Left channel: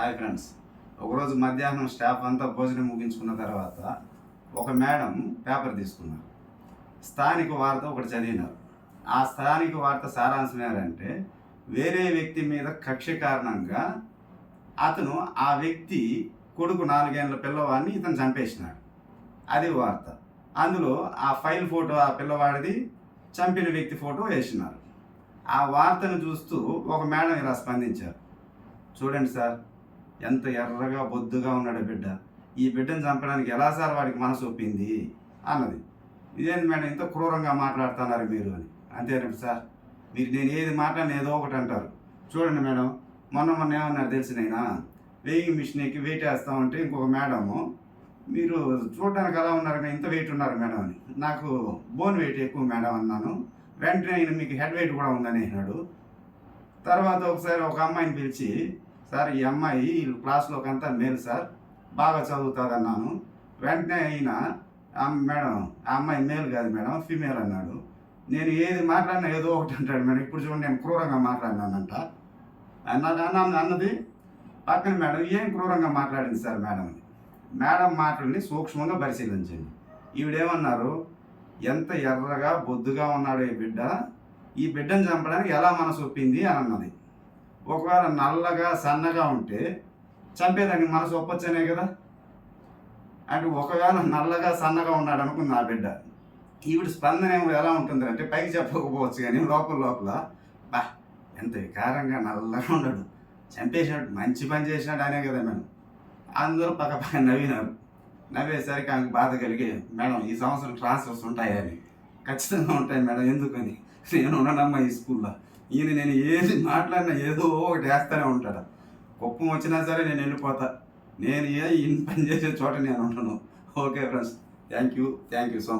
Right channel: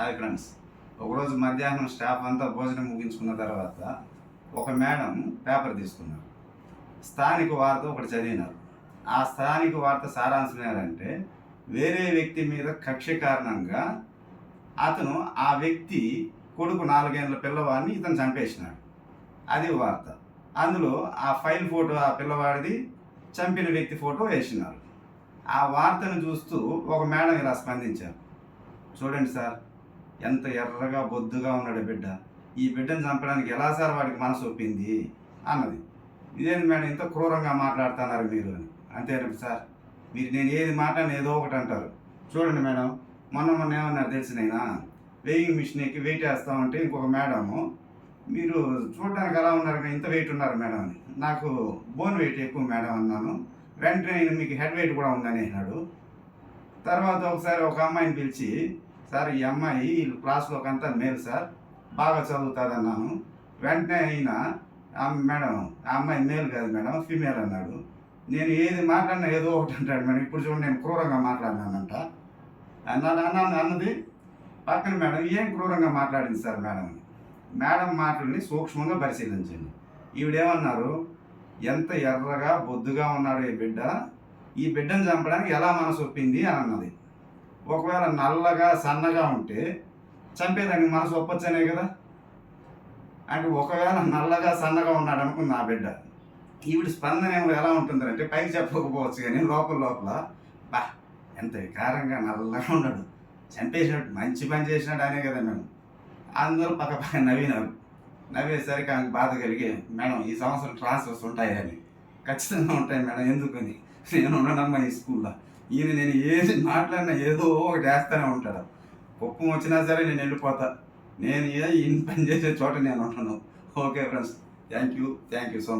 Hi friends. ఒకరోజు మధ్యాహ్నం staff అంతా భోజనం ముగించుకున్న తర్వాత ఒక మేడం పేపర్ తీసుకున్నారు. స్థానిక వార్త ఒకటి చదివినారు. ఆ స్థానిక వార్త సారాంశం ఏంటంటే, వేరే వ్యక్తి మీద కక్ష కారణంగా అతను ఆ వ్యక్తి కొడుకు 4 ఏళ్ల పిల్లవాడిని ఇతను చంపేసినాడు. అది వార్త. అందులో ఆ ఫైల్ ఫోటో ఆ పిల్లవాడిది, చంపిన వ్యక్తి ఫోటో వేసినారు. ఆ వార్తను చూస్తూ ఒక మేడం ఇలా స్పందించారు. చూడండి సార్, ఎంత ఎర్రగా బొద్దుగా ఉన్నాడు బిడ్డ. ఈ బిడ్డను చంపడానికి ఎలా సార్ వాడికి మనసు ఒప్పింది అన్నది. ఇదేంటి మేడం ఇంత క్రూరంగా మాట్లాడుతున్నారు మీరు అని. అంతేనండి సార్, మీరు నేను ఏది మాట్లాడిన ఏదో ఒకటి అంటారు. చూడండి మేడం, మొన్న ఏమన్నారు తెలిసినైనా, వెయింగ్ మిషన్ ఎక్కి వెయిట్ వేస్తూ ఉంటే ఇంకొక మేడము, మీరు చూడడానికి ఎలా ఉన్నారు, ఇంత వెయిట్ ఉన్నారు మేడం అని. నాకు బోన్ వెయిట్ ఎక్కువ మేడం అన్నాను. వెంటనే ఆయన మీకు హెడ్ వెయిట్ కూడా ఉందని అన్నాడు. తర్వాత ఒకసారి ఒక అమ్మాయిని పిలిచి, సార్ ఈ అమ్మాయి క్లాస్లోకి అంతా మేలు సార్, బాగా చదువుతుంది అన్నాను. వెంటనే అయినా మేడం ఆ అమ్మాయి మేలు కాదు మేడం, ఫీమేల్ అన్నాడు. నేను ఏది మాట్లాడినా ఏదో ఒకటి అంటాడు మేడం. ఇప్పుడు చూడండి, నేను క్రూరంగా మాట్లాడినానంట అన్నది. పక్కన మేడం ఏం క్రూరంగా మాట్లాడింది సార్ మేడం అని. మేడం మాటల్ని సూక్ష్మంగా పరిశీలించండి. ఈవిడేమన్నారు, ఎంత ఎర్రగా బొద్దుగా ఉన్నాడు ఈ బిడ్డను చంపడానికి ఎలా మనసు ఒప్పింది అని అన్నది. ఒకవేళ నల్లగా సన్నగా ఉంటే చంపేదానికి మనసు ఒప్పొచ్చనే కదా. అంటే ఒకవేళ నల్లగా సన్నగా ఉన్నాడు అనుకుంది ఆ బిడ్డ, ఈవిడ స్పందన ఏమో ఎలా ఉంటుందంటే, పైకి చెప్పకపోవచ్చు కానీ లోపల బా ఎంత వికారంగా నల్లగా ఉన్నాడు, చంపేసినట్టు మంచి పని చేసినాడు అనే కదా మేడం. అందరూ పక్క నవ్వినారు. నవ్వేసరికి ఆమెకు బాధ కలిగి, మేడం ఈ సంవత్సరం ట్రాన్స్ఫర్స్ ఉంటాయని. ఖచ్చితంగా ఉంటాయి మేడం, ఎందుకని నేను ఉండనమ్మా ఈ స్కూల్లో. నేను ఏది మాట్లాడినా ఏదో ఒకటి వేస్తూనే ఉంటాడు. కుప్పం వచ్చినా సరే నేను వెళ్ళిపోతా. నేను ఇన్ని పని చేసే చోట నేను ఉంటాను. Okay friends, thank you so much.